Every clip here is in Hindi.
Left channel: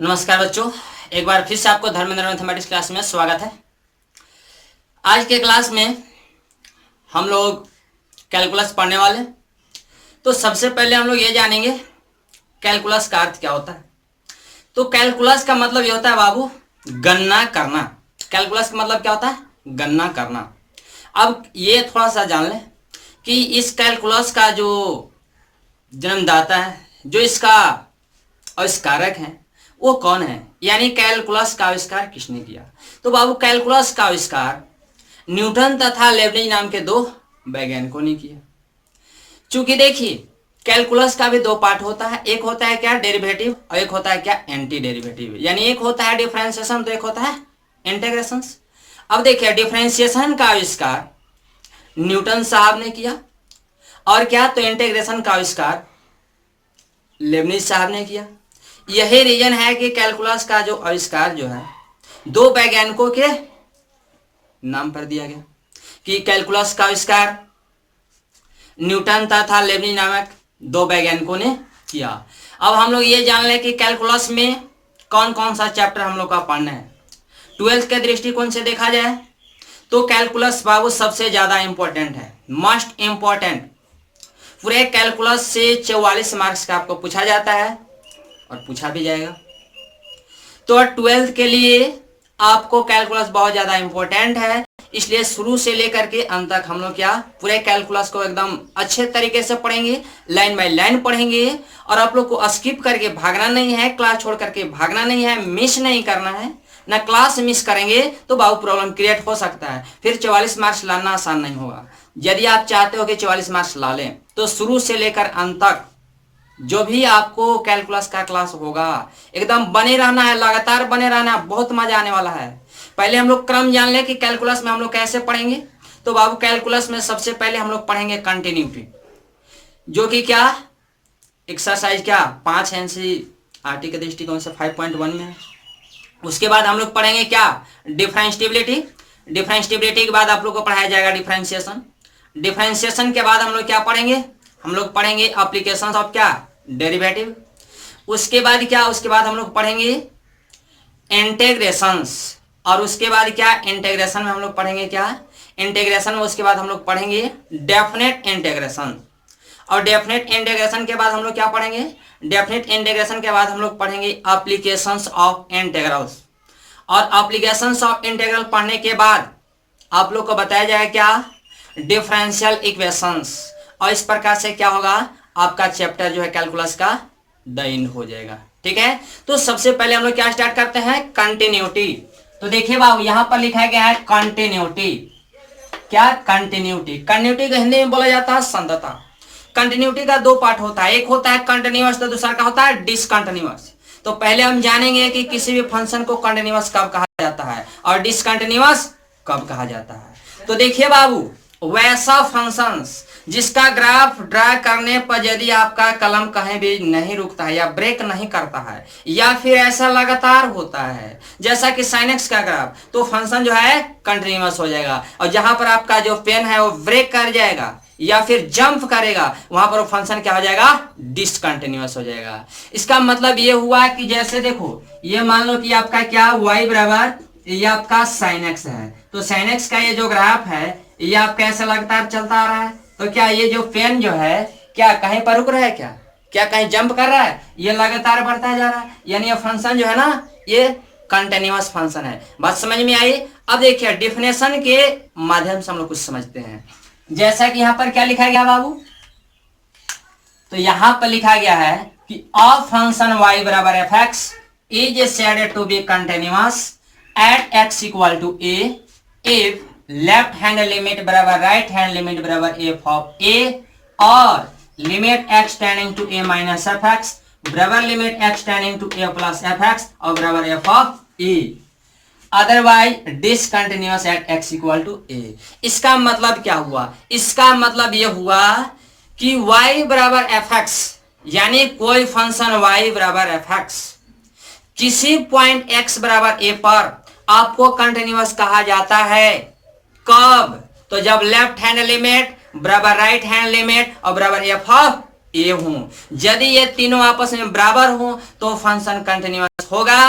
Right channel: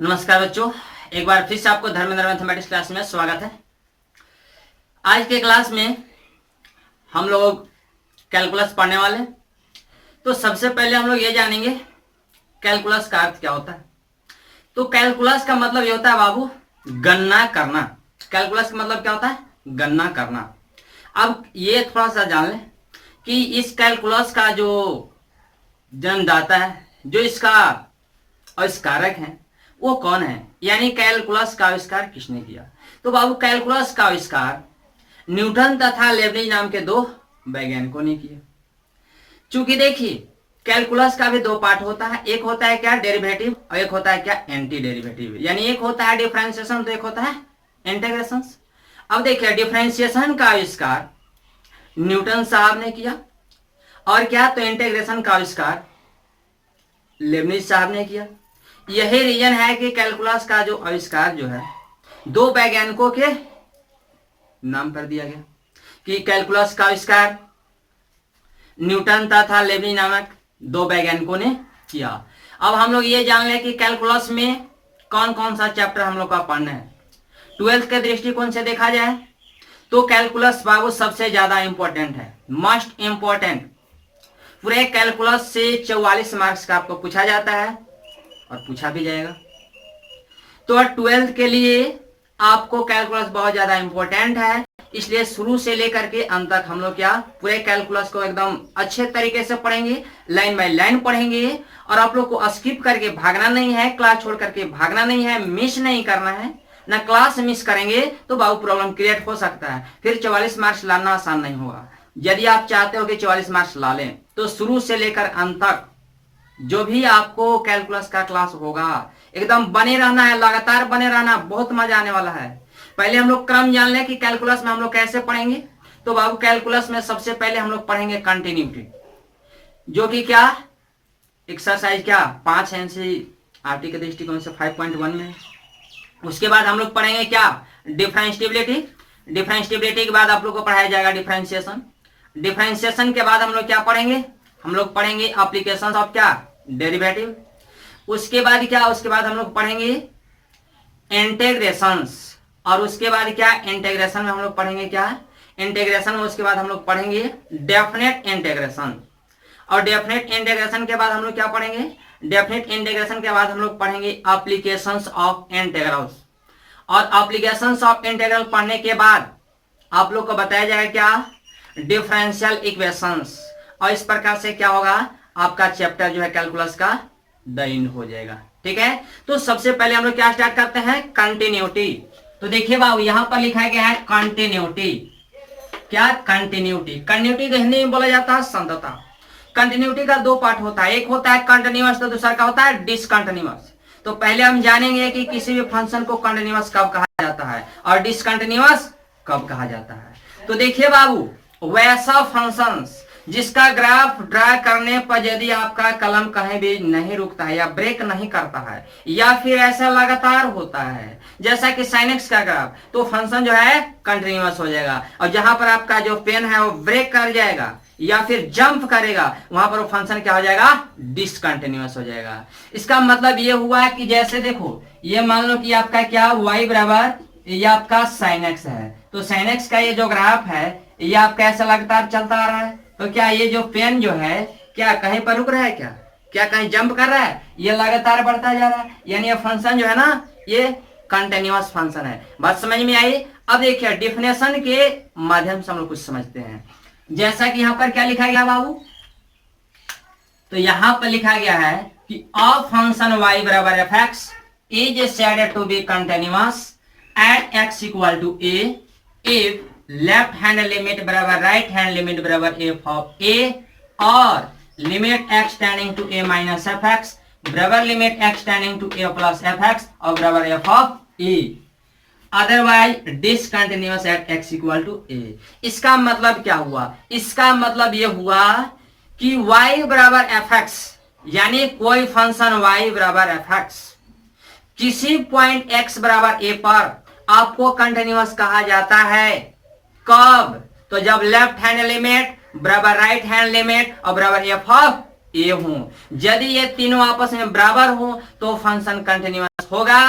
नमस्कार बच्चों, एक बार फिर से आपको धर्मेंद्र मैथमेटिक्स क्लास में स्वागत है। आज के क्लास में हम लोग कैलकुलस पढ़ने वाले हैं। तो सबसे पहले हम लोग ये जानेंगे कैलकुलस का अर्थ क्या होता है। तो कैलकुलस का मतलब ये होता है बाबू गणना करना। कैलकुलस का मतलब क्या होता है? गणना करना। अब ये थोड़ा सा जान लें कि इस कैलकुलस का जो जन्मदाता है, जो इसका आविष्कारक है, वो कौन है, यानी कैलकुलस का आविष्कार किसने किया। तो बाबू कैलकुलस का आविष्कार न्यूटन तथा लेबनिज नाम के दो वैज्ञानिकों ने किया। चूंकि देखिए कैलकुलस का भी दो पार्ट होता है, एक होता है क्या डेरिवेटिव और एक होता है क्या एंटी डेरिवेटिव। यानी एक होता है डिफरेंशिएशन तो एक होता है इंटीग्रेशन। अब देखिए डिफरेंशिएशन का आविष्कार न्यूटन साहब ने किया और क्या तो इंटीग्रेशन का आविष्कार लेबनिज साहब ने किया। यही रीजन है कि कैलकुलस का जो आविष्कार जो है दो वैज्ञानिकों के नाम पर दिया गया कि कैलकुलस का आविष्कार न्यूटन तथा लेबनिज नामक दो वैज्ञानिकों ने किया। अब हम लोग ये जान लें कि कैलकुलस में कौन कौन सा चैप्टर हम लोग का पढ़ना है। 12th के दृष्टिकोण से देखा जाए तो कैलकुलस बाबू सबसे ज्यादा इंपॉर्टेंट है, मोस्ट इंपॉर्टेंट। पूरे कैलकुलस से 44 मार्क्स का आपको पूछा जाता है और पूछा भी जाएगा। तो 12th के लिए आपको कैलकुलस बहुत ज्यादा इंपॉर्टेंट है, इसलिए शुरू से लेकर के अंत तक हम लोग क्या पूरे कैलकुलस को एकदम अच्छे तरीके से पढ़ेंगे, लाइन बाय लाइन पढ़ेंगे। और आप लोग को स्किप करके भागना नहीं है, क्लास छोड़ करके भागना नहीं है, मिस नहीं करना है ना। क्लास मिस करेंगे तो बाबू प्रॉब्लम क्रिएट हो सकता है, फिर 44 मार्क्स लाना आसान नहीं होगा। यदि आप चाहते हो कि 44 मार्क्स ला लें तो शुरू से लेकर अंत तक जो भी आपको कैलकुलस का क्लास होगा एकदम बने रहना है, लगातार बने रहना, बहुत मजा आने वाला है। पहले हम लोग क्रम जान लें कि कैलकुलस में हम लोग कैसे पढ़ेंगे। तो बाबू कैलकुलस में सबसे पहले हम लोग पढ़ेंगे कंटिन्यूटी, जो कि क्या एक्सरसाइज क्या 5 एनसीईआरटी के दृष्टिकोण से 5.1 में है। उसके बाद हम लोग पढ़ेंगे क्या डिफरेंशिएबिलिटी। डिफरेंशिएबिलिटी के बाद आप लोग को पढ़ाया जाएगा डिफरेंशिएशन। डिफरेंशिएशन के बाद हम लोग क्या पढ़ेंगे, हम लोग पढ़ेंगे एप्लीकेशंस ऑफ क्या डेरिवेटिव। उसके बाद क्या, उसके बाद हम लोग पढ़ेंगे इंटीग्रेशंस। और उसके बाद क्या इंटीग्रेशन में हम लोग पढ़ेंगे क्या इंटीग्रेशन में उसके बाद हम लोग पढ़ेंगे डेफिनेट इंटीग्रेशन। और डेफिनेट इंटीग्रेशन के बाद हम लोग क्या पढ़ेंगे, डेफिनेट इंटीग्रेशन के बाद हम लोग पढ़ेंगे एप्लीकेशंस ऑफ इंटीग्रल्स। और एप्लीकेशंस ऑफ इंटीग्रल पढ़ने के बाद आप लोग को बताया जाएगा क्या डिफरेंशियल इक्वेशंस। और इस प्रकार से क्या होगा आपका चैप्टर जो है कैलकुलस का द एंड हो जाएगा। ठीक है, तो सबसे पहले हम लोग क्या स्टार्ट करते हैं कंटिन्यूटी। तो देखिए बाबू यहां पर लिखा गया है कंटिन्यूटी। क्या कंटिन्यूटी, कंटिन्यूटी को हिंदी में बोला जाता है संतता। कंटिन्यूटी का दो पार्ट होता है, एक होता है कंटिन्यूअस तो दूसरा का होता है डिसकंटिन्यूअस। तो पहले हम जानेंगे कि किसी भी फंक्शन को कंटिन्यूअस कब कहा जाता है और डिसकंटिन्यूअस कब कहा जाता है। तो देखिए बाबू वैसा फंक्शंस जिसका ग्राफ ड्रा करने पर यदि आपका कलम कहीं भी नहीं रुकता है या ब्रेक नहीं करता है या फिर ऐसा लगातार होता है जैसा कि sin x का ग्राफ, तो फंक्शन जो है कंटिन्यूअस हो जाएगा। और जहां पर आपका जो पेन है वो ब्रेक कर जाएगा या फिर जंप करेगा वहां पर वो फंक्शन क्या हो जाएगा डिसकंटिन्यूअस हो जाएगा। इसका मतलब ये हुआ कि जैसे देखो ये मान लो कि आपका क्या y बराबर ये आपका sin x है, तो sin x का ये जो ग्राफ है ये आपका ऐसा लगातार चलता आ रहा है। तो क्या ये जो पेन जो है क्या कहीं पर रुक रहा है, क्या कहीं जंप कर रहा है, ये लगातार बढ़ता जा रहा है। यानी ये फंक्शन जो है ना ये कंटिन्यूअस फंक्शन है। बात समझ में आई। अब देखिए डिफिनेशन के माध्यम से हम लोग कुछ समझते हैं। जैसा कि यहाँ पर क्या लिखा गया बाबू, तो यहाँ पर लिखा गया है कि अ फंक्शन y बराबर F x is said to be continuous at x equal to a if left hand limit बराबर राइट हैंड लिमिट बराबर एफ ऑफ ए और limit x tending to a minus F X बराबर limit x tending to a plus F X और बराबर F of A, otherwise discontinuous at x equal to a। इसका मतलब क्या हुआ, इसका मतलब यह हुआ कि y बराबर एफ एक्स यानी कोई फंक्शन y बराबर एफ एक्स किसी पॉइंट x बराबर a पर आपको कंटिन्यूअस कहा जाता है। कब, तो जब लेफ्ट हैंड लिमिट बराबर राइट हैंड लिमिट और बराबर एफ ऑफ ए हो। यदि ये तीनों आपस में बराबर हो तो फंक्शन कंटिन्यूअस होगा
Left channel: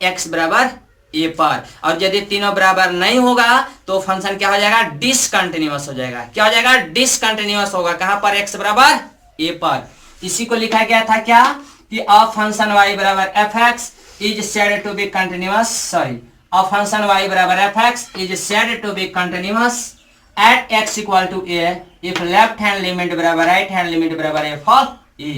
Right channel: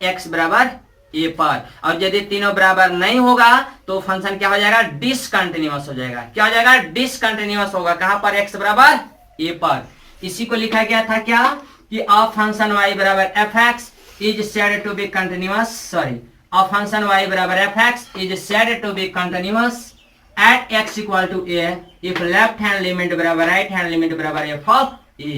x बराबर ए पर, और यदि तीनों बराबर नहीं होगा तो फंक्शन क्या हो जाएगा, डिसकंटिन्यूअस हो जाएगा। क्या हो जाएगा, डिसकंटिन्यूअस होगा। कहां पर, x बराबर ए पर। इसी को लिखा गया था क्या, कि अ फंक्शन y बराबर F x is said to be continuous, sorry, a function y बराबर F x is said to be continuous at x equal to a if left hand limit बराबर right hand limit बराबर f of a,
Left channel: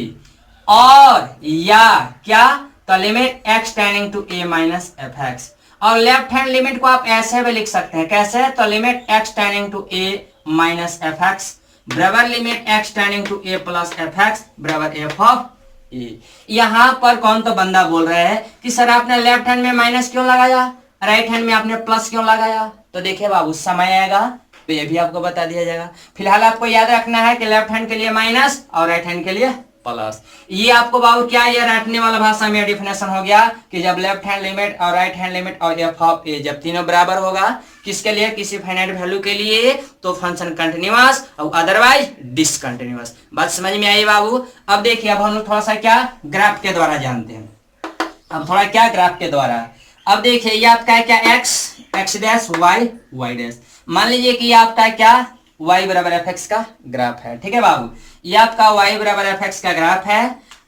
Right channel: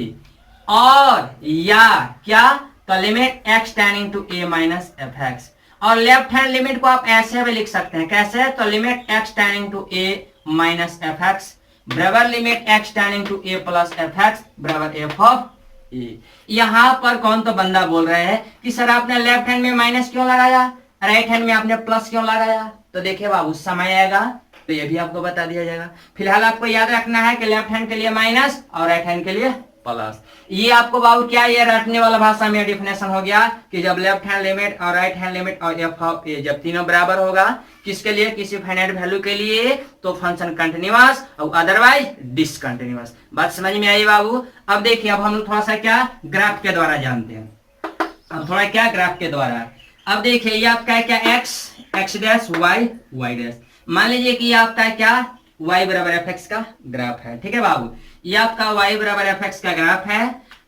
और या क्या, तो limit x tending to a minus F X. और लेफ्ट हैंड लिमिट को आप ऐसे भी लिख सकते हैं, कैसे, तो limit x tending to a minus F X बराबर limit x tending to a plus F X बराबर f ऑफ a। यहां पर कौन तो बंदा बोल रहे हैं कि सर आपने लेफ्ट हैंड में माइनस क्यों लगाया, राइट हैंड में आपने प्लस क्यों लगाया। तो देखिए बाबू, समय आएगा तो ये भी आपको बता दिया जाएगा। फिलहाल आपको याद रखना है कि लेफ्ट हैंड के लिए माइनस और राइट हैंड के लिए प्लस। ये आपको बाबू क्या, ये रटने वाला भाषा में डिफिनेशन हो गया कि जब लेफ्ट हैंड लिमिट और राइट हैंड लिमिट और एफ ऑफ ए जब तीनों बराबर होगा, किसके लिए, किसी फाइनाइट वैल्यू के लिए, तो फंक्शन कंटिन्यूअस और अदरवाइज डिसकंटिन्यूअस। बात समझ में आई बाबू। अब देखिए, अब हम लोग थोड़ा सा क्या ग्राफ के द्वारा जानते हैं। अब थोड़ा क्या ग्राफ के द्वारा, अब देखिए ये आपका है क्या, x dash y y dash. मान लीजिए कि ये आपका क्या, y बराबर एफ एक्स का ग्राफ है, ठीक है बाबू। ये आपका y बराबर एफ एक्स का ग्राफ है।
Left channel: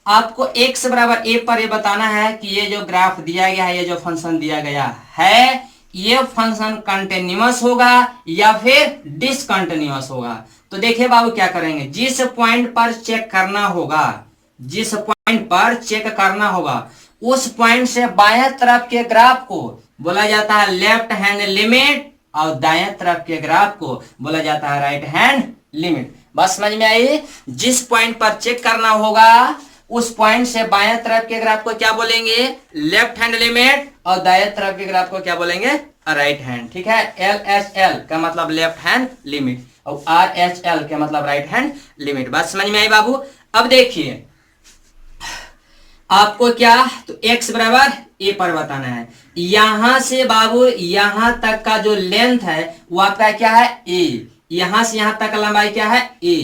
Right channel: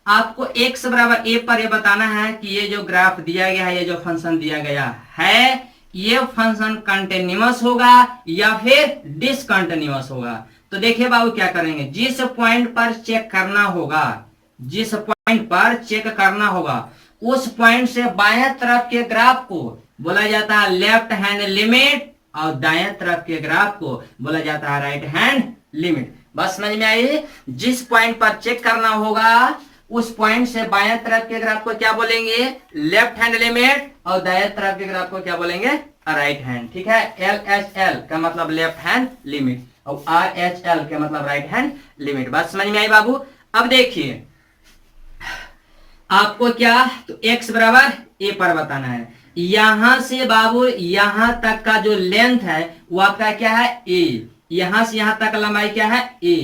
आपको x बराबर a पर ये बताना है कि ये जो ग्राफ दिया गया है, ये जो फंक्शन दिया गया है, ये फंक्शन कंटिन्यूअस होगा या फिर डिसकंटिन्यूअस होगा। तो देखिए बाबू क्या करेंगे, जिस पॉइंट पर चेक करना होगा, जिस पॉइंट पर चेक करना होगा, उस पॉइंट से बाएं तरफ के ग्राफ को बोला जाता है लेफ्ट हैंड लिमिट और दाएं तरफ के ग्राफ को बोला जाता है राइट हैंड लिमिट। बस समझ में आई। जिस पॉइंट पर चेक करना होगा उस पॉइंट से बाएं तरफ के ग्राफ को क्या बोलेंगे, लेफ्ट हैंड लिमिट, और दाएं तरफ के ग्राफ को क्या बोलेंगे, राइट हैंड। ठीक है, एल एच एल का मतलब लेफ्ट हैंड लिमिट और आर एच एल का मतलब राइट हैंड लिमिट। बात समझ में आई बाबू। अब देखिए आपको क्या, तो x बराबर a पर बताना है। यहां से बाबू यहां तक का जो लेंथ है वो आपका क्या है, a। यहां से यहां तक का लंबाई क्या है, a।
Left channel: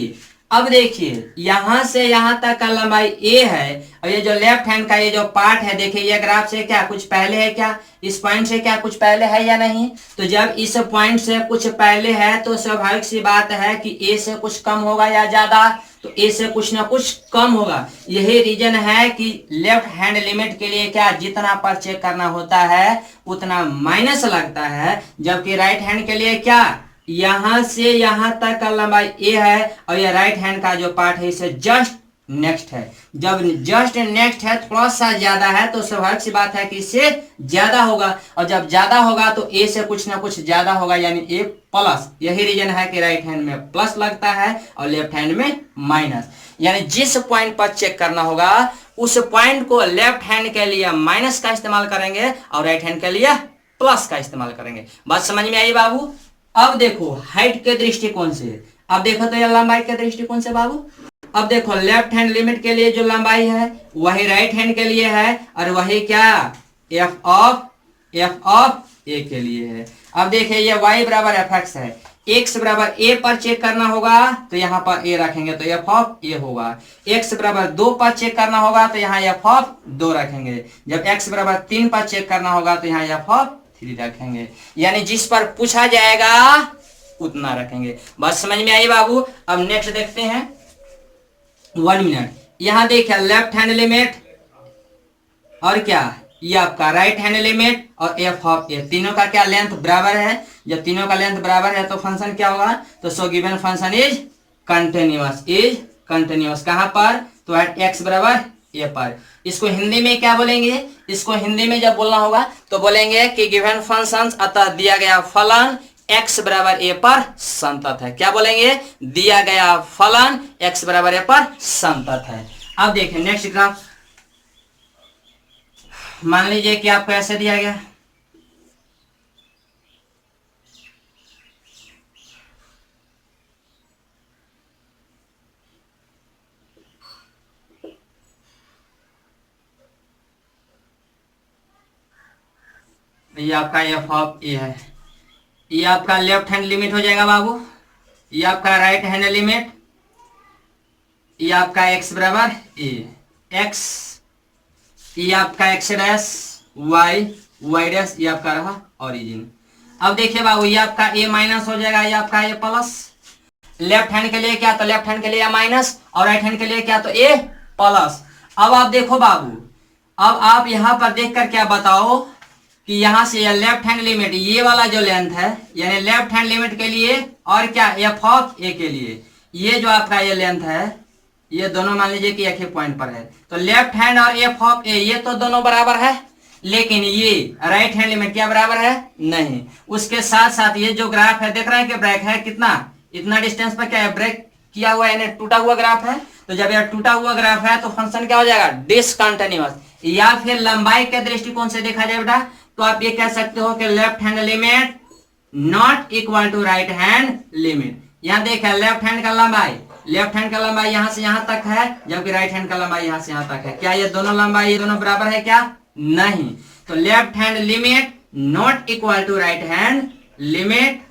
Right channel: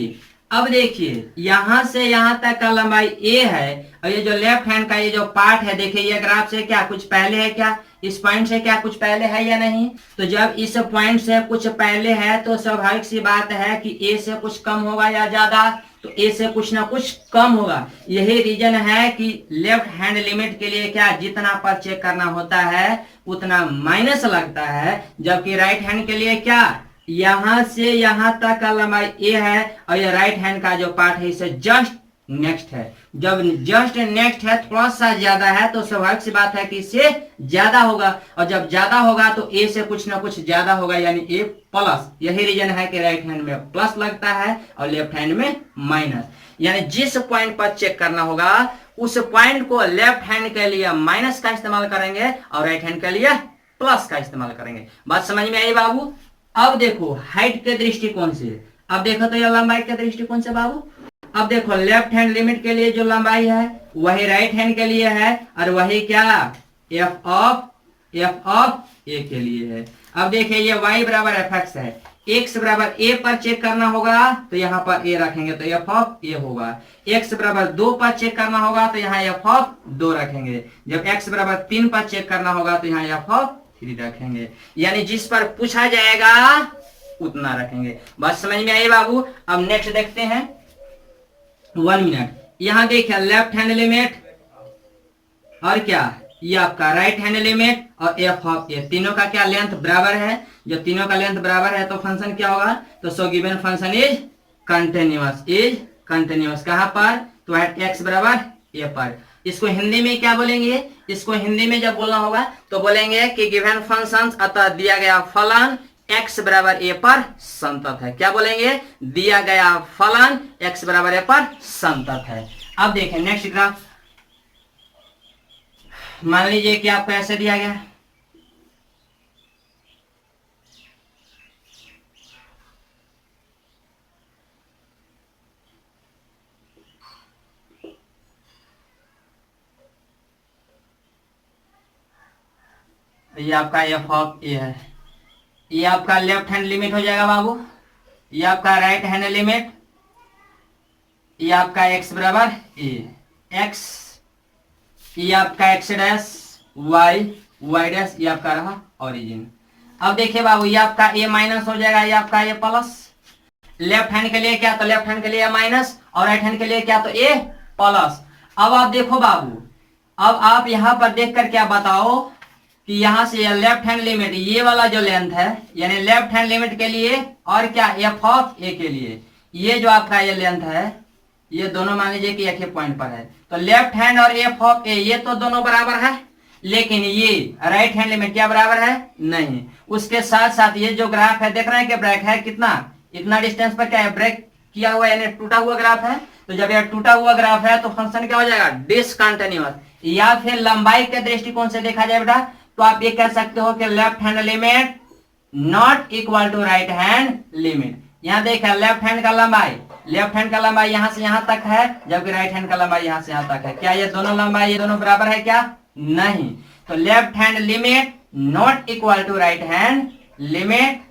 अब देखिए यहां से यहां तक का लंबाई a है, और ये जो लेफ्ट हैंड का ये जो पार्ट है, देखिए ये ग्राफ से क्या कुछ पहले है क्या, इस पॉइंट से क्या कुछ पहले है या नहीं। तो जब इस पॉइंट से कुछ पहले है तो स्वाभाविक सी बात है कि a से कुछ कम होगा या ज्यादा, तो a से कुछ ना कुछ कम होगा। यही रीजन है कि लेफ्ट हैंड लिमिट के लिए क्या, जितना पर चेक करना होता है उतना माइनस लगता है, जबकि राइट हैंड के लिए क्या, यहां से यहां तक का लंबाई a है और ये राइट हैंड का जो पार्ट है इसे जस्ट नेक्स्ट है। जब जस्ट नेक्स्ट है, थोड़ा सा ज्यादा है, तो स्वाभाविक सी बात है कि इससे ज्यादा होगा, और जब ज्यादा होगा तो a से कुछ ना कुछ ज्यादा होगा, यानी a प्लस। यही रीजन है कि राइट हैंड में प्लस लगता है और लेफ्ट हैंड में माइनस। यानी जिस पॉइंट पर चेक करना होगा उस पॉइंट को लेफ्ट हैंड के लिए माइनस का इस्तेमाल करेंगे और राइट हैंड के लिए प्लस का इस्तेमाल करेंगे। बात समझ में आई बाबू। अब देखो हाइट के दृष्टिकोण से, अब देखो तो ये लंबाई के दृष्टिकोण से बाबू, अब देखो लेफ्ट हैंड लिमिट के लिए जो लंबाई है वही राइट हैंड के लिए है, और वही क्या, एफ ऑफ ए के लिए है। अब देखिए ये y बराबर एफ एक्स है, x बराबर a पर चेक करना होगा तो यहाँ पर a रखेंगे तो एफ ऑफ ए होगा। x बराबर 2 पर चेक करना होगा तो यहाँ एफ ऑफ 2 रखेंगे। जब x बराबर 3 पर चेक करना होगा तो यहाँ एफ ऑफ 3 रखेंगे। यानी जिस पर पूछा जाएगा उतना रखेंगे। बात समझ में आई बाबू। अब नेक्स्ट देखते हैं 1 मिनट। यहां देखिए लेफ्ट हैंड लिमिट और क्या, ये आपका राइट हैंड लिमिट और एफ ऑफ ए, तीनों का क्या लेंथ बराबर है। जब तीनों का लेंथ बराबर है तो फंक्शन क्या होगा, तो so given function is continuous. कहां पर, तो एट एक्स बराबर ए पर। इसको हिंदी में क्या बोलेंगे, इसको हिंदी में जब बोलना होगा तो बोलेंगे कि गिवन फंक्शन अतः दिया गया फलन x बराबर a पर संतत है। क्या बोलेंगे, दिया गया फलन x बराबर a पर संतत है। अब देखें नेक्स्ट ग्राफ। मान लीजिए कि आपको ऐसे दिया गया, ये आपका एफ ऑफ ए है, ये आपका लेफ्ट हैंड लिमिट हो जाएगा बाबू, ये आपका राइट हैंड लिमिट, ये आपका x बराबर a, x, ये आपका x डैश, y डैश, ये आपका रहा ओरिजिन। अब देखिए बाबू, ये आपका a माइनस हो जाएगा, ये आपका a प्लस। लेफ्ट हैंड के लिए क्या, तो लेफ्ट हैंड के लिए a माइनस, और राइट हैंड के लिए क्या, तो a प्लस। अब आप देखो बाबू, अब आप यहां पर देखकर क्या बताओ कि यहां से लेफ्ट हैंड लिमिट, ये वाला जो लेंथ है, यानी लेफ्ट हैंड लिमिट के लिए और क्या एफ ऑफ ए के लिए, ये जो आपका ये लेंथ है, ये दोनों मान लीजिए कि एक ही पॉइंट पर है, तो लेफ्ट हैंड और एफ ऑफ ए ये तो दोनों बराबर है, लेकिन ये राइट हैंड लिमिट क्या बराबर है, नहीं। उसके साथ साथ ये जो ग्राफ है, देख रहे हैं कि ब्रेक है कितना, इतना डिस्टेंस पर क्या है, ब्रेक किया हुआ यानी टूटा हुआ ग्राफ है। तो जब यह टूटा हुआ ग्राफ है तो फंक्शन क्या हो जाएगा, डिसकंटिन्यूअस। या फिर लंबाई के दृष्टिकोण से देखा जाए बेटा, तो आप ये कह सकते हो कि left hand limit not equal to right hand limit. यहां देखा लेफ्ट हैंड का लंबाई, लेफ्ट हैंड का लंबाई यहां से यहां तक है, जबकि राइट हैंड का लंबाई यहां से यहां तक है। क्या ये दोनों लंबाई, ये दोनों बराबर है क्या, नहीं। तो left hand limit not equal to right hand limit,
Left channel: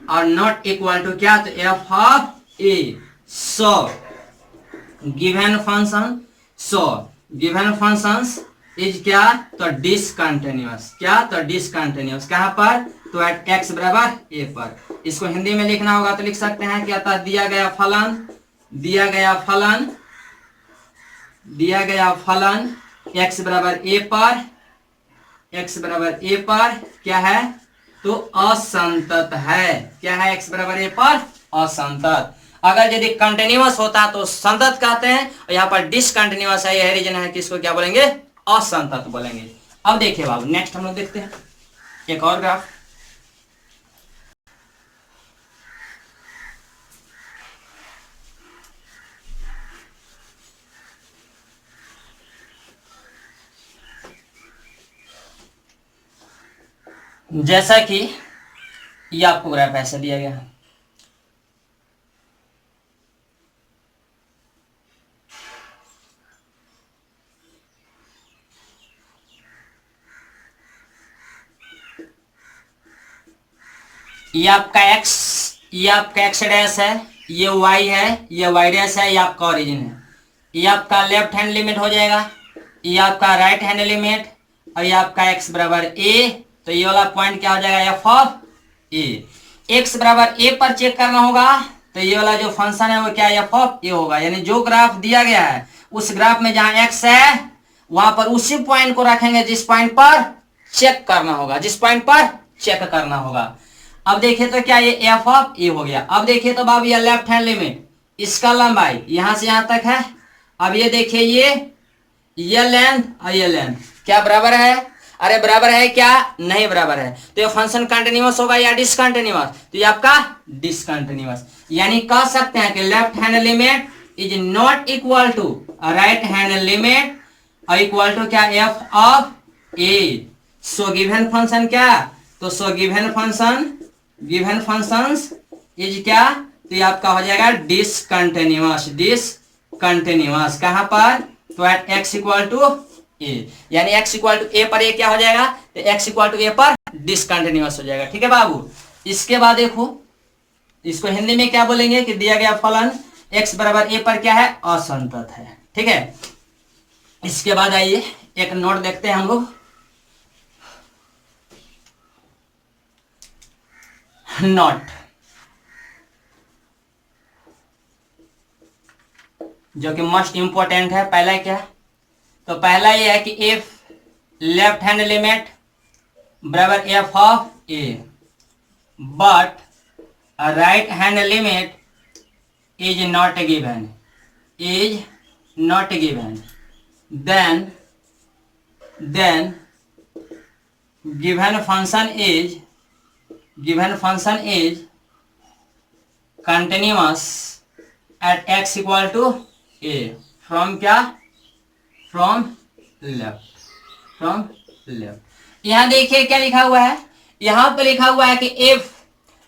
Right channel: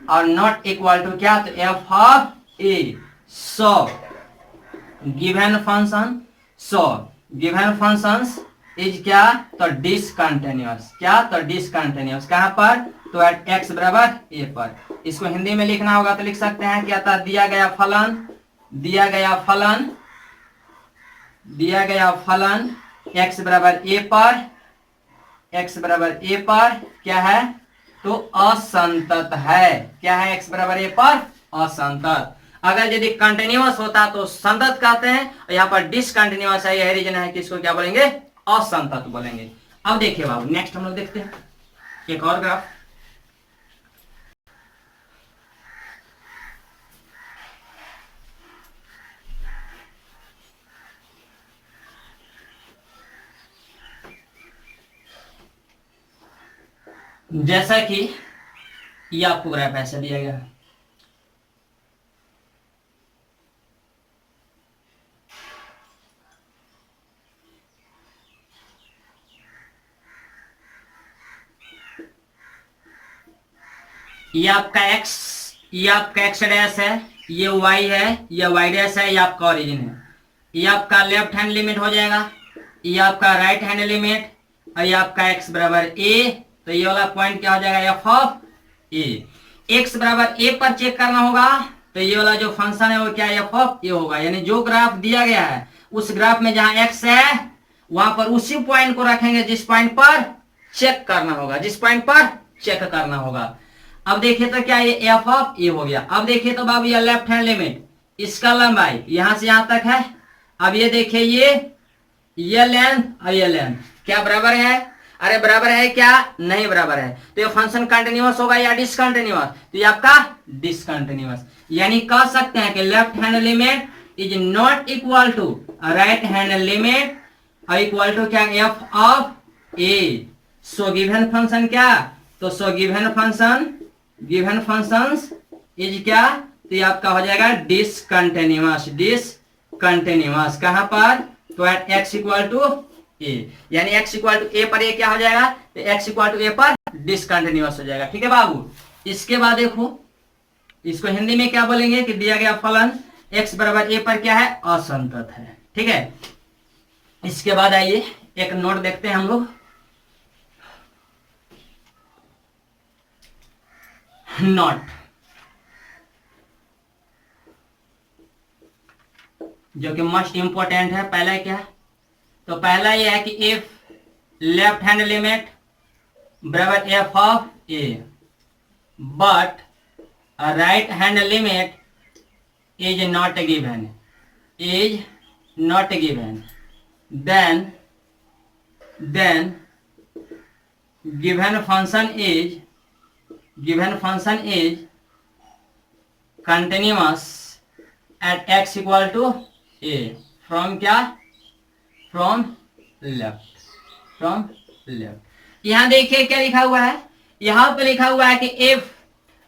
और नॉट इक्वल टू क्या, तो f of a. So given function, so given functions is क्या, तो डिसकंटिन्यूअस। क्या, तो डिसकंटिन्यूअस कहां पर, तो एट एक्स बराबर ए पर। इसको हिंदी में लिखना होगा तो लिख सकते हैं क्या था, दिया गया फलन, दिया गया फलन, दिया गया फलन एक्स बराबर ए पर, एक्स बराबर ए पर क्या है, तो असंतत है। क्या है, एक्स बराबर ए पर असंतत। अगर यदि कंटिन्यूअस होता तो संतत कहते हैं, और यहाँ पर डिसकंटिन्यूअस है, यह रीजन है कि इसको क्या बोलेंगे, असंतत बोलेंगे। अब देखिए बाबू, नेक्स्ट हम लोग देखते हैं एक और ग्राफ। जैसा कि ये आपको ग्राफ ऐसे दिया गया, ये आपका x, ये आपका x डैश है, ये y है, ये y डैश है, ये आपका ओरिजिन है। ये आपका लेफ्ट हैंड लिमिट हो जाएगा, ये आपका राइट हैंड लिमिट, और ये आपका x बराबर a, तो ये वाला पॉइंट क्या हो जाएगा, f ऑफ a। x बराबर a पर चेक करना होगा, तो ये वाला जो फंक्शन है वो क्या, f ऑफ a होगा। यानी जो ग्राफ दिया गया है उस ग्राफ में जहां x है वहां पर उसी पॉइंट को रखेंगे जिस पॉइंट पर चेक करना होगा, जिस पॉइंट पर चेक करना होगा। अब देखिए तो क्या, ये एफ ऑफ ए हो गया। अब देखिए तो बाबू, ये लेफ्ट हैंड लिमिट, इसका लंबाई यहां से यहां तक है। अब ये देखिए ये लेंथ और ये लेंथ क्या बराबर है, अरे बराबर है क्या, नहीं बराबर है। तो ये फंक्शन कंटिन्यूअस होगा या डिसकंटिन्यूअस, तो ये आपका डिसकंटिन्यूअस। यानी कह सकते हैं कि left hand limit is not equal to right hand limit, और इक्वल टू क्या, F of a. So given function क्या, तो so given function, given functions is क्या, तो ये आपका हो जाएगा डिसकंटिन्यूअस, डिसकंटिन्यूअस कहां पर, तो एट एक्स इक्वल टू ए। यानी एक्स इक्वल टू ए पर ये क्या हो जाएगा, तो एक्स इक्वल टू ए पर डिसकंटिन्यूअस हो जाएगा। ठीक है बाबू। इसके बाद देखो, इसको हिंदी में क्या बोलेंगे कि दिया गया फलन एक्स बराबर ए पर क्या है, असंतत है। ठीक है। इसके बाद आइए एक नोट देखते हैं हम लोग, नॉट, जो कि मोस्ट इंपोर्टेंट है। पहला क्या, तो पहला ये है कि इफ लेफ्ट हैंड लिमिट बराबर F of A but right hand limit is not given, is not given, then given function is continuous at x equal to a from क्या, from left। यहां देखिए क्या लिखा हुआ है, यहां पर लिखा हुआ है कि if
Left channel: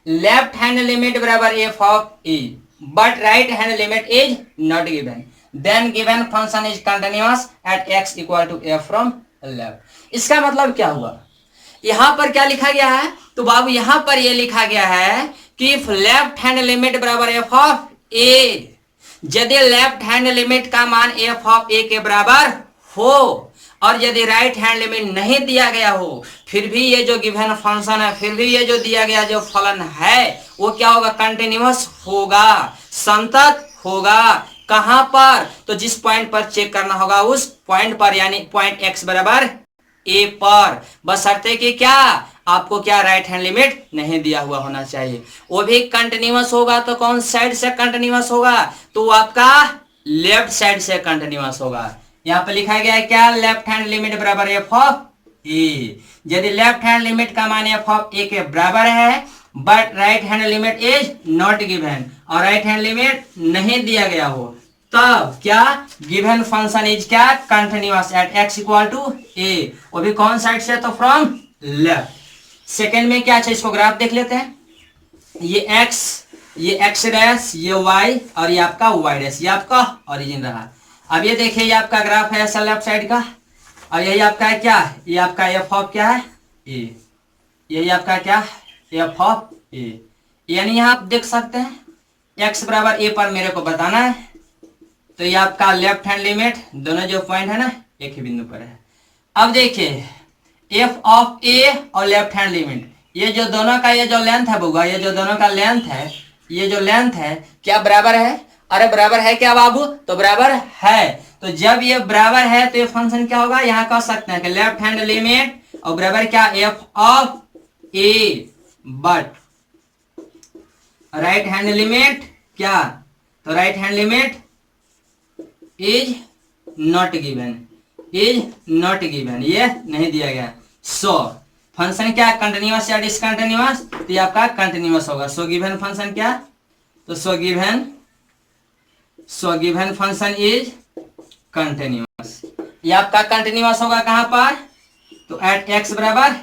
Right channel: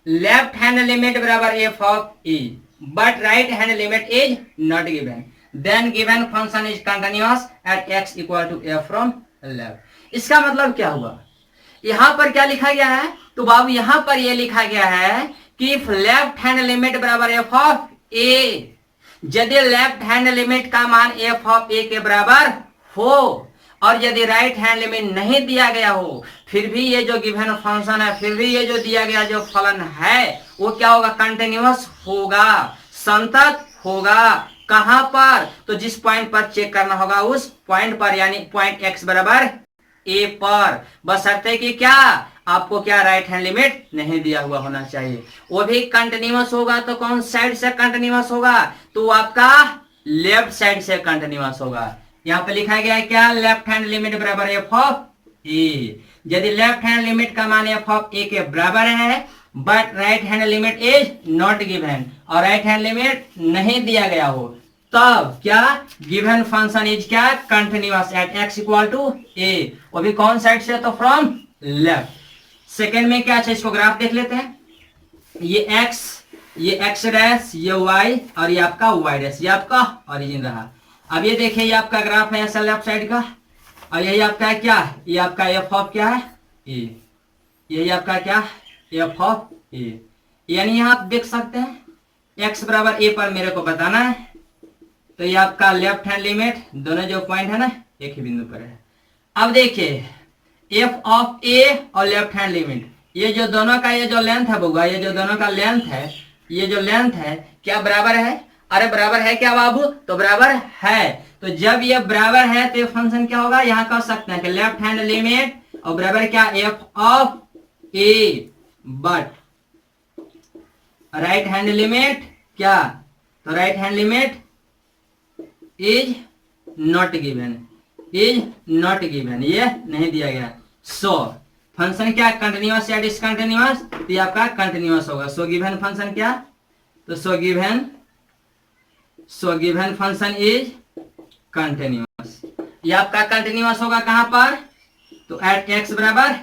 लेफ्ट हैंड लिमिट बराबर F of A but right hand limit is not given, then given function is continuous at x equal to a from left. इसका मतलब क्या हुआ, यहां पर क्या लिखा गया है, तो बाबू यहां पर यह लिखा गया है कि इफ लेफ्ट हैंड लिमिट बराबर एफ ऑफ ए, यदि लेफ्ट हैंड लिमिट का मान एफ ऑफ ए के बराबर हो और यदि राइट हैंड लिमिट नहीं दिया गया हो, फिर भी ये जो गिवन फंक्शन है, फिर भी ये जो दिया गया जो फलन है वो क्या होगा, कंटिन्यूअस होगा, संतत होगा। कहां पर, तो जिस पॉइंट पर चेक करना होगा उस पॉइंट पर, यानी पॉइंट एक्स बराबर ए पर, बशर्ते कि क्या, आपको क्या राइट हैंड लिमिट नहीं दिया हुआ होना चाहिए। वो भी कंटिन्यूअस होगा तो कौन साइड से कंटिन्यूअस होगा, तो आपका लेफ्ट साइड से कंटिन्यूअस होगा। यहाँ पे लिखा गया है क्या, लेफ्ट हैंड लिमिट बराबर एफ ऑफ ए। यदि लेफ्ट हैंड लिमिट का मान एफ ऑफ ए के बराबर है but right hand limit is not given, और राइट हैंड लिमिट नहीं दिया गया हो, तब क्या, गिवन फंक्शन इज क्या, continuous at x equal to A. वो भी कौन साइड से, तो फ्रॉम लेफ्ट। सेकेंड में क्या है, इसको ग्राफ देख लेते हैं। ये एक्स डैश, ये वाई, और ये आपका वाई डैश, ये आपका ओरिजिन रहा। अब ये देखिए, ये आपका ग्राफ है ऐसा लेफ्ट साइड का, और यही आपका है क्या, ये आपका एफ ऑफ क्या है ए, यही आपका क्या, एफ ऑफ ए। यानी यहाँ आप देख सकते हैं एक्स बराबर ए पर मेरे को बताना है, तो ये आपका लेफ्ट हैंड लिमिट, दोनों जो पॉइंट है ना एक ही बिंदु पर है। अब देखिए एफ ऑफ ए और लेफ्ट हैंड लिमिट, ये जो दोनों का ये जो लेंथ है बउआ, ये जो दोनों का लेंथ है, ये जो लेंथ है क्या बराबर है, अरे बराबर है क्या बाबू, तो बराबर है। तो जब ये बराबर है तो ये फंक्शन क्या होगा, यहाँ कह सकते हैं कि लेफ्ट हैंड लिमिट और बराबर क्या, F of A but right hand limit क्या, तो right hand limit is not given, is not given, ये नहीं दिया गया। सो फंक्शन क्या, कंटिन्यूअस या डिसकंटिन्यूअस, तो ये आपका कंटिन्यूअस होगा। सो गिवन फंक्शन क्या, तो so given function is continuous, ये आपका कंटिन्यूअस होगा कहां पर, तो एट एक्स बराबर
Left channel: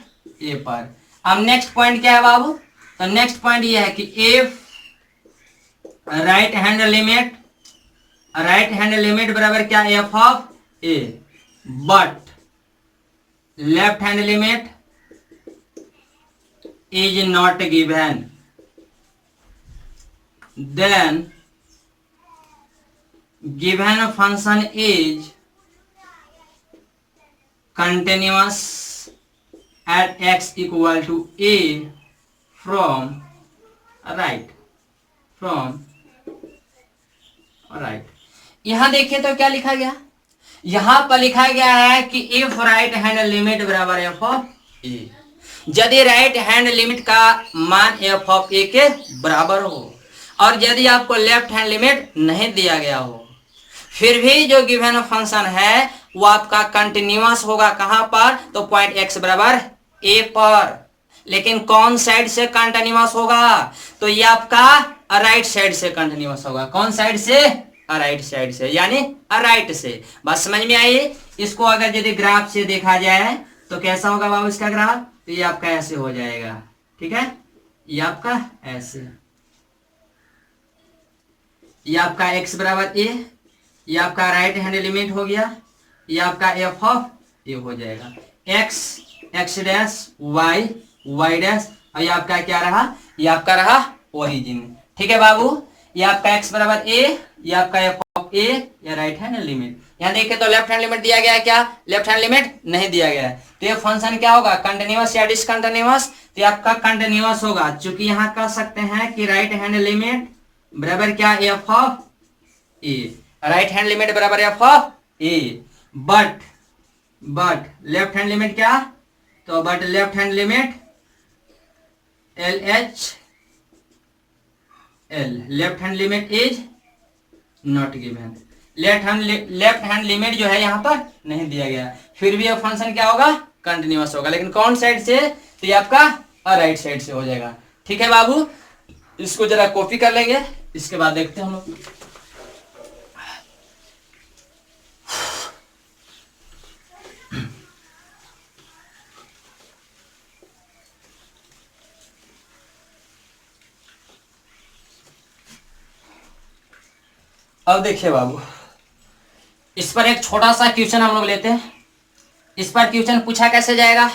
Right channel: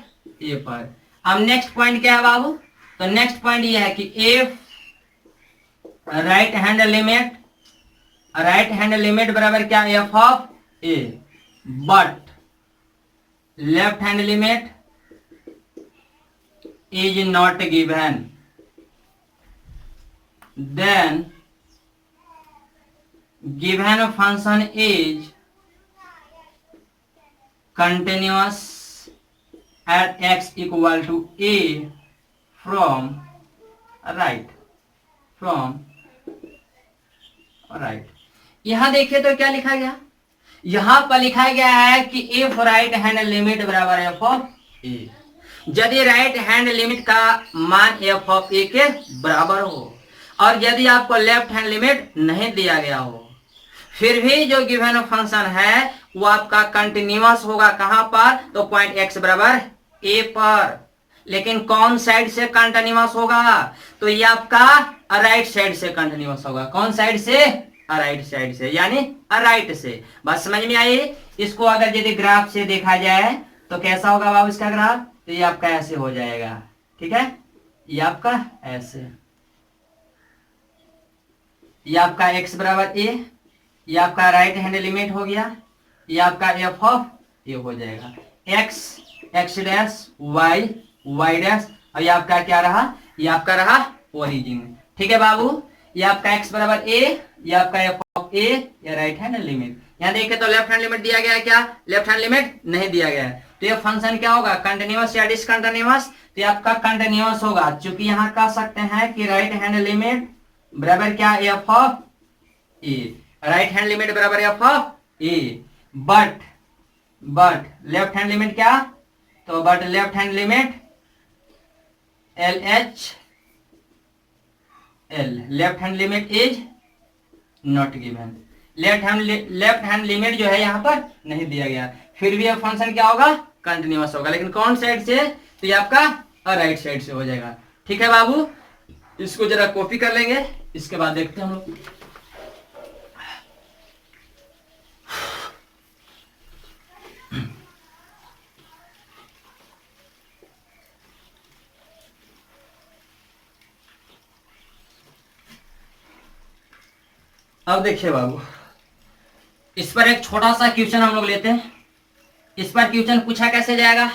ए पर। अब नेक्स्ट पॉइंट क्या है बाबू, तो नेक्स्ट पॉइंट ये है कि एफ राइट हैंड लिमिट बराबर क्या, F of A but left hand limit is not given, then given function is continuous at x equal to a from right, यहां देखिए तो क्या लिखा गया, यहां पर लिखा गया है कि इफ राइट हैंड लिमिट बराबर एफ ऑफ ए, यदि राइट हैंड लिमिट का मान एफ ऑफ ए के बराबर हो और यदि आपको लेफ्ट हैंड लिमिट नहीं दिया गया हो, फिर भी जो गिवन फंक्शन है वो आपका कंटिन्यूअस होगा कहां पर, तो पॉइंट एक्स बराबर ए पर। लेकिन कौन साइड से कंटिन्यूअस होगा, तो ये आपका राइट साइड से कंटिन्यूअस होगा। कौन साइड से, राइट साइड से, यानी राइट से। बस समझ में आई। इसको अगर यदि ग्राफ से देखा जाए तो कैसा होगा बाबू इसका ग्राफ, तो ये आपका ऐसे हो जाएगा, ठीक है, ये आपका ऐसे, ये आपका एक्स बराबर ए, ये आपका राइट हैंड लिमिट हो गया, ये आपका एफ ऑफ ए हो जाएगा, एक्स डैश वाई डैश, और ये आपका क्या रहा, ये आपका रहा ओरिजिन। ठीक है बाबू, ये आपका एक्स बराबर ए, ये आपका एफ ऑफ ए, या राइट हैंड लिमिट। यहाँ देखिए तो लेफ्ट हैंड लिमिट दिया गया है क्या, लेफ्ट हैंड लिमिट नहीं दिया गया है, तो ये फंक्शन क्या होगा, कंटिन्यूअस या डिसकंटिन्यूअस, तो आपका कंटिन्यूअस होगा। चूंकि यहाँ कह सकते हैं कि राइट हैंड लिमिट बराबर क्या, F of A, right hand limit बराबर F of A but left hand limit क्या, तो but left hand limit L H L, left hand limit is not given, left hand limit जो है यहाँ पर नहीं दिया गया, फिर भी अब फंक्शन क्या होगा, कंटिन्यूअस होगा। लेकिन कौन साइड से, तो ये आपका राइट साइड से हो जाएगा। ठीक है बाबू, इसको जरा कॉपी कर लेंगे, इसके बाद देखते हैं हम लोग। अब देखिए बाबू, इस पर एक छोटा सा क्वेश्चन हम लोग लेते हैं। इस पर क्वेश्चन पूछा कैसे जाएगा,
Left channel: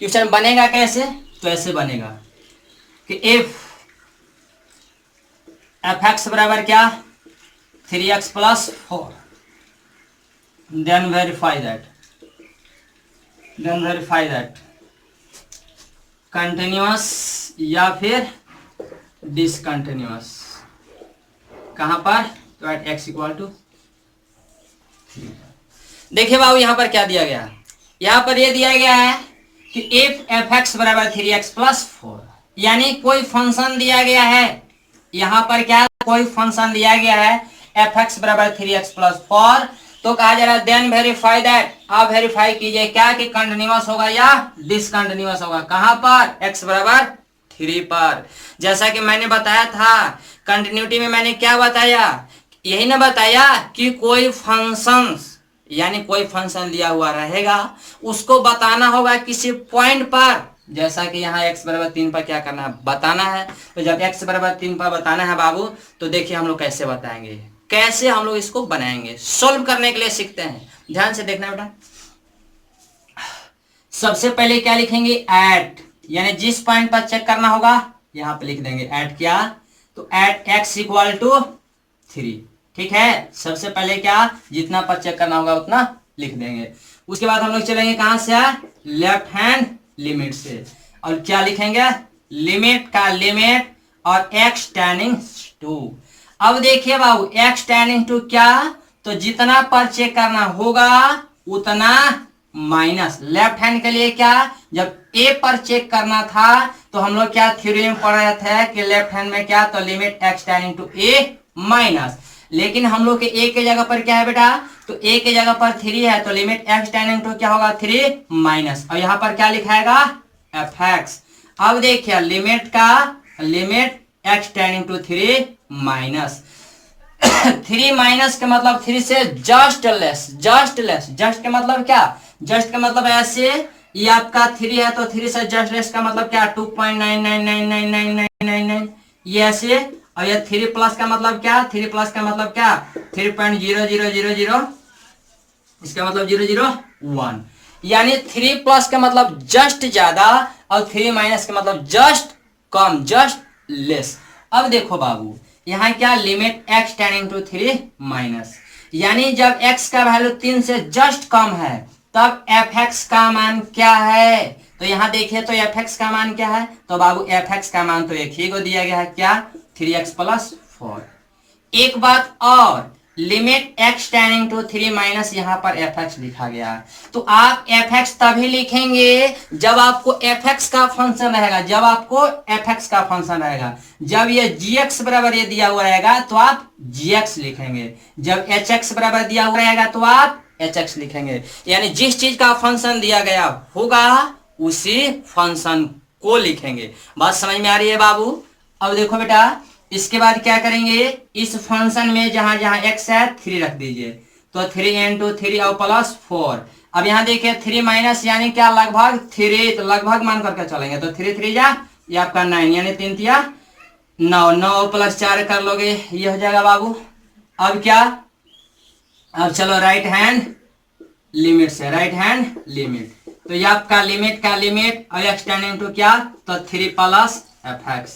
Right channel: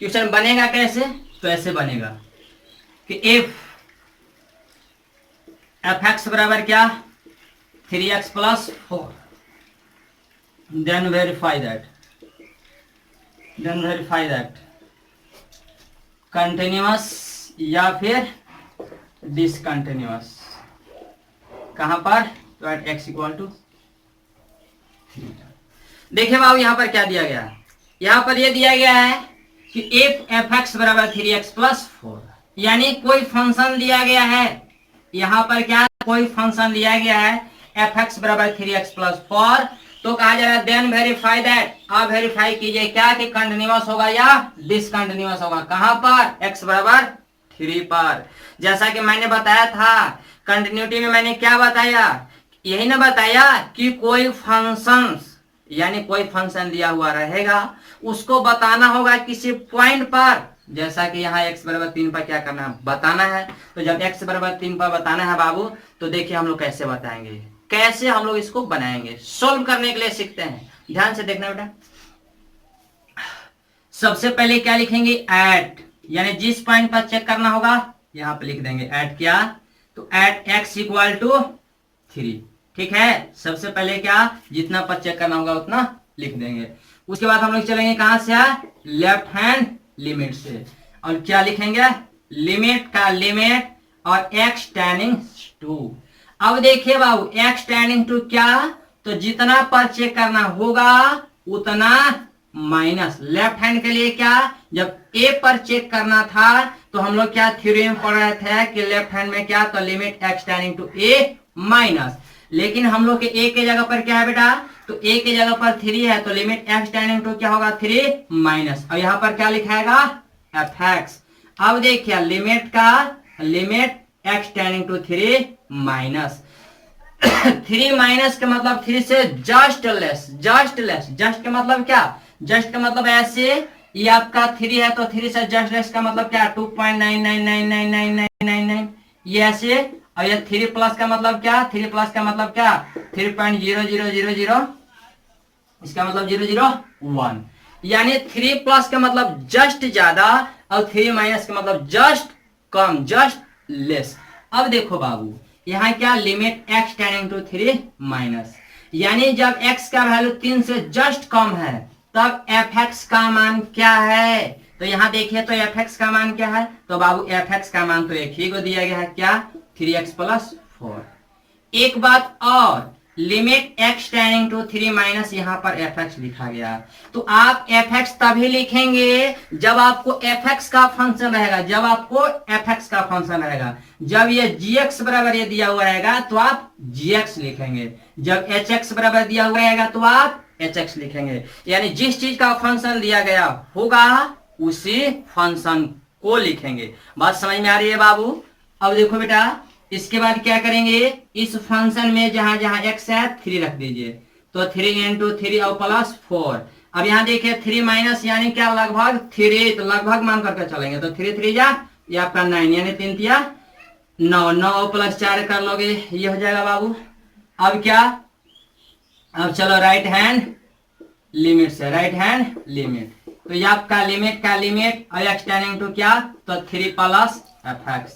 क्वेश्चन बनेगा कैसे, तो ऐसे बनेगा कि एफ एक्स बराबर क्या, 3x plus 4, then verify that continuous या फिर डिसकंटिन्यूअस, कहां पर, तो एट x इक्वल टू 3। देखिए बाबू यहाँ पर क्या दिया गया है, यहाँ पर ये दिया गया है कि इफ एफ एक्स बराबर 3x प्लस 4, यानी कोई फंक्शन दिया गया है, यहाँ पर क्या कोई फंक्शन दिया गया है एफ एक्स बराबर 3x प्लस 4, तो कहा जा रहा है देन वेरीफाई दैट, आप वेरीफाई कीजिए क्या कि कंटिन्यूअस होगा या डिसकंटिन्यूअस होगा, कहां पर, x बराबर 3 पर। जैसा कि मैंने बताया था कंटिन्यूटी में, मैंने क्या बताया, यही ना बताया कि कोई फंक्शन, यानी कोई फंक्शन दिया हुआ रहेगा उसको बताना होगा किसी पॉइंट पर, जैसा कि यहाँ x बराबर 3 पर क्या करना है, बताना है। तो जब x बराबर 3 पर बताना है बाबू, तो देखिए हम लोग कैसे बताएंगे, कैसे हम लोग इसको बनाएंगे, सोल्व करने के लिए सीखते हैं। ध्यान से देखना बेटा, सबसे पहले क्या लिखेंगे, एट, यानी जिस पॉइंट पर चेक करना होगा यहां पे लिख देंगे एट, क्या, तो एट x इक्वल टू 3, ठीक है। सबसे पहले क्या, जितना पर चेक करना होगा उतना लिख देंगे। उसके बाद हम लोग चलेंगे कहां से, लेफ्ट हैंड लिमिट से, और क्या लिखेंगे, लिमिट का लिमिट और x टेंडिंग टू। अब देखिए बाबू x टेंडिंग टू क्या, तो जितना पर चेक करना होगा उतना माइनस, लेफ्ट हैंड के लिए क्या, जब a पर चेक करना था तो हम लोग क्या थ्योरम पढ़ रहे थे कि लेफ्ट हैंड में क्या, तो limit x tending to a minus, लेकिन हम लोग के a के जगह पर क्या है बेटा, तो a के जगह पर 3 है, तो लिमिट x टेंडिंग टू क्या होगा, 3 माइनस, और यहाँ पर क्या लिखाएगा, fx। अब देखिए लिमिट का limit x tending to 3 minus 3 minus का मतलब 3 से जस्ट लेस, जस्ट का मतलब क्या, जस्ट का मतलब ऐसे, ये आपका 3 है तो 3 से जस्ट लेस का मतलब क्या, 2.99999999, ये ऐसे, और ये 3 प्लस का मतलब क्या, 3 प्लस का मतलब क्या, 3.0000, इसका मतलब 001, यानी 3 प्लस का मतलब जस्ट ज्यादा और 3 माइनस का मतलब जस्ट कम, जस्ट लेस। अब देखो बाबू यहाँ क्या, limit x tending to 3 minus, यानी जब x का वैल्यू 3 से जस्ट कम है तब fx का मान क्या है, तो यहाँ देखिए तो fx का मान क्या है, तो बाबू fx का मान तो एक ही को दिया गया है, क्या, 3x प्लस 4। एक बात और, limit x tending to 3 minus, यहाँ पर fx लिखा गया है, तो आप fx तभी लिखेंगे जब आपको fx का फंक्शन रहेगा, जब ये gx बराबर ये दिया हुआ रहेगा तो आप gx लिखेंगे, जब hx बराबर दिया हुआ रहेगा तो आप hx लिखेंगे, यानी जिस चीज का फंक्शन दिया गया होगा उसी फंक्शन को लिखेंगे। बात समझ में आ रही है बाबू। अब देखो बेटा इसके बाद क्या करेंगे, इस फंक्शन में जहां जहां x है 3 रख दीजिए, तो 3 इंटू 3 और प्लस 4। अब यहाँ देखिए 3 माइनस यानी क्या, लगभग 3, तो लगभग मान करके चलेंगे, तो 3 3 जा ये आपका 9, यानी 3 तिया 9, 9 प्लस 4 कर लोगे ये हो जाएगा बाबू। अब क्या, अब चलो राइट हैंड लिमिट से, राइट हैंड लिमिट, तो ये आपका लिमिट का लिमिट और x टेंडिंग टू क्या, तो 3 प्लस fx।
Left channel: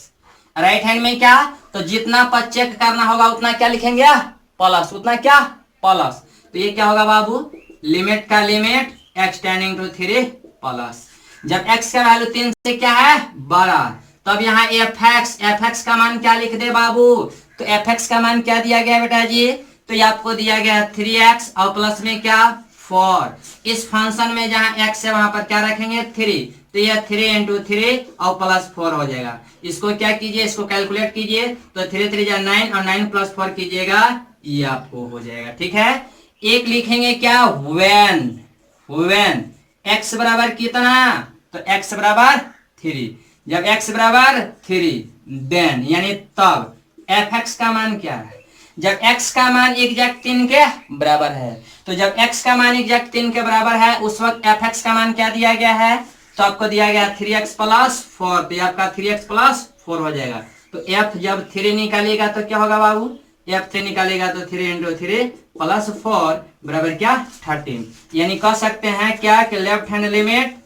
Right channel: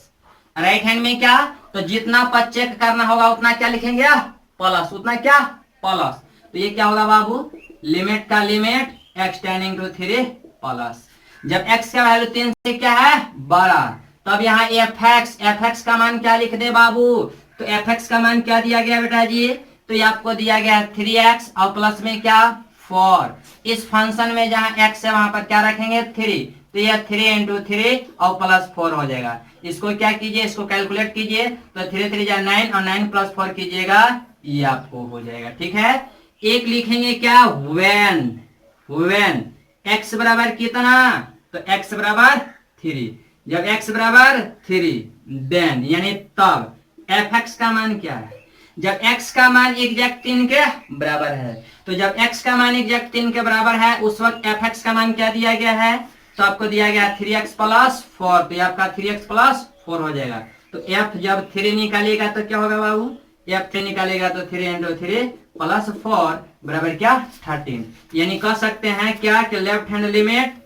राइट हैंड में क्या, तो जितना पर चेक करना होगा उतना क्या लिखेंगे, प्लस, उतना क्या, प्लस, तो ये क्या होगा बाबू, लिमिट का limit x tending to 3 plus, जब x का वैल्यू 3 से क्या है, बड़ा, तब यहाँ fx का मान क्या लिख दे बाबू, तो fx का मान क्या दिया गया बेटा जी, तो ये आपको दिया गया 3x और प्लस में क्या 4। इस फंक्शन में जहां x है वहां पर क्या रखेंगे 3, तो यह 3 इंटू 3 और प्लस 4 हो जाएगा। इसको क्या कीजिए, इसको कैलकुलेट कीजिए, तो 3 3 जा 9 और 9 प्लस 4 कीजिएगा, ये आपको हो जाएगा, ठीक है। एक लिखेंगे क्या, व्हेन x बराबर कितना, तो x बराबर 3, जब x बराबर 3 देन यानी तब fx का मान क्या है, जब x का मान एग्जैक्ट 3 के बराबर है, तो जब x का मान एग्जैक्ट 3 के बराबर है उस वक्त fx का मान क्या दिया गया है, तो आपको दिया गया 3x प्लस 4, तो ये आपका 3x प्लस 4 हो जाएगा। तो f जब 3 निकालेगा तो क्या होगा बाबू, f 3 निकालेगा तो 3 इंटू 3 प्लस 4 बराबर क्या 13, यानी कह सकते हैं क्या कि लेफ्ट हैंड लिमिट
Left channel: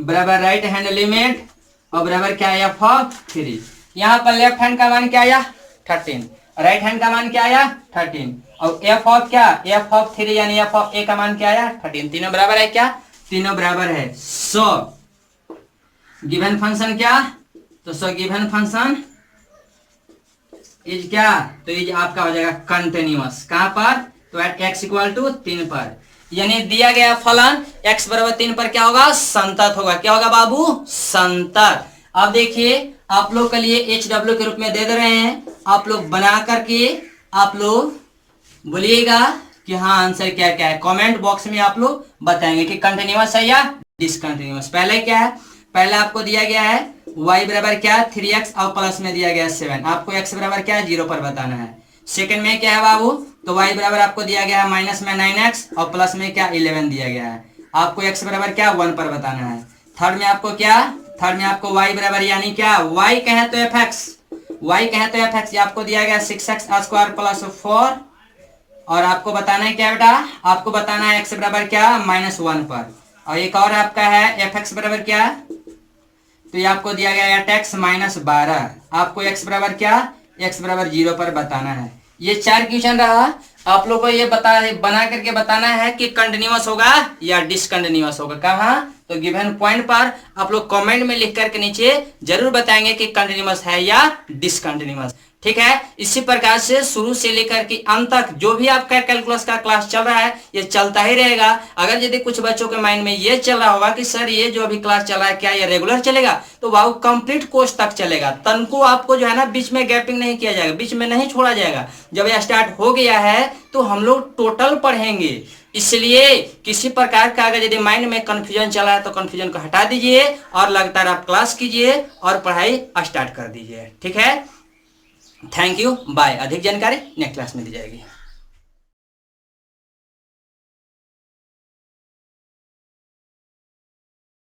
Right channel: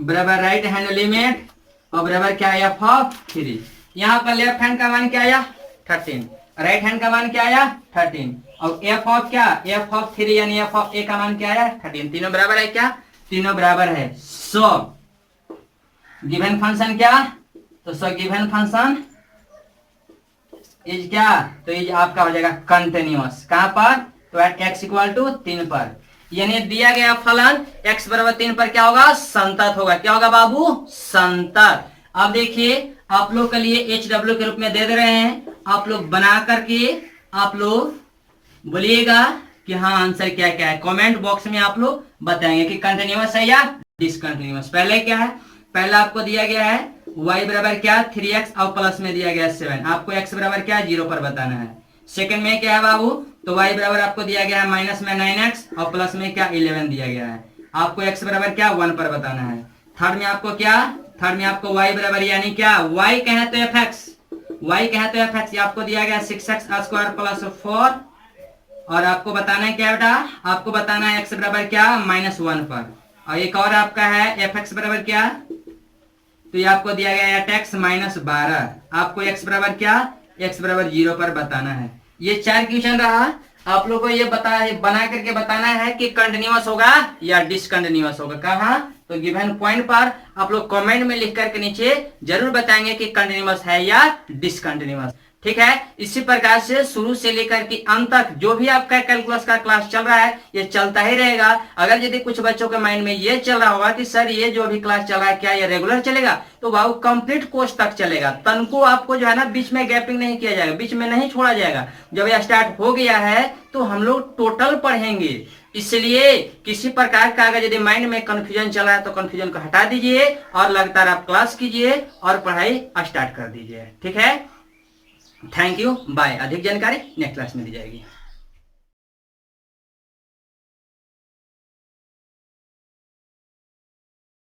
बराबर राइट हैंड लिमिट और बराबर क्या आया f 3। यहाँ पर लेफ्ट हैंड का मान क्या आया 13, राइट हैंड का मान क्या आया 13, और एफ ऑफ क्या, एफ ऑफ 3 यानी एफ ऑफ ए का मान क्या आया 13। तीनों बराबर है क्या, तीनों बराबर है। सो गिवन फंक्शन क्या, तो सो गिवन फंक्शन इज क्या, तो इज आपका हो जाएगा कंटिन्यूअस। कहां पर, तो एट x इक्वल टू 3 पर, यानी दिया गया फलन x बराबर 3 पर क्या होगा, संतत होगा। क्या होगा बाबू, संतत। अब देखिए आप लोग के लिए HW के रूप में दे रहे हैं, आप लोग बना करके आप लोग बोलिएगा कि हाँ आंसर क्या क्या है। कमेंट बॉक्स में आप लोग बताएंगे कि कंटिन्यूअस है या डिसकंटिन्यूअस। पहले क्या है, पहले आपको दिया गया है y बराबर क्या 3x और प्लस में दिया गया 7, आपको x बराबर क्या 0 पर बताना है। सेकंड में क्या है बाबू, तो y बराबर आपको दिया गया है माइनस में 9x और प्लस में क्या 11 दिया गया है, आपको x बराबर क्या 1 पर बताना है। थर्ड में आपको क्या, थर्ड में आपको y बराबर यानी क्या y कहे तो fx, y कहे तो fx, ये आपको दिया गया 6x स्क्वायर प्लस 4, और आपको बताना है क्या बेटा, आपको बताना है x बराबर क्या -1 पर, और एक और आपका है fx बराबर क्या, तो ये आपको दिया गया है x -12, आपको x बराबर क्या, x बराबर 0 पर बताना है। ये 4 क्वेश्चन रहा, आप लोग को ये बना करके बताना है कि कंटिन्यूअस होगा या डिसकंटिन्यूअस होगा। कहाँ, तो गिवन पॉइंट पर आप लोग कमेंट में लिख करके नीचे जरूर बताएंगे कि कंटिन्यूअस है या डिसकंटिन्यूअस। ठीक है, इसी प्रकार से शुरू से लेकर के अंत तक जो भी आपका कैलकुलस का क्लास चल रहा है ये चलता ही रहेगा। अगर यदि कुछ बच्चों के माइंड में ये चल रहा होगा कि सर ये जो अभी क्लास चल रहा है क्या ये रेगुलर चलेगा, तो वो कंप्लीट कोर्स तक चलेगा, तनको आपको जो है ना बीच में गैपिंग नहीं किया जाएगा, बीच में नहीं छोड़ा जाएगा। जब यह स्टार्ट हो गया है तो हम लोग टोटल पढ़ेंगे, इसलिए किसी प्रकार का अगर यदि माइंड में कंफ्यूजन चला है तो कंफ्यूजन को हटा दीजिए और लगातार आप क्लास कीजिए और पढ़ाई स्टार्ट कर दीजिए। ठीक है, थैंक यू, बाय। अधिक जानकारी नेक्स्ट क्लास में दी जाएगी।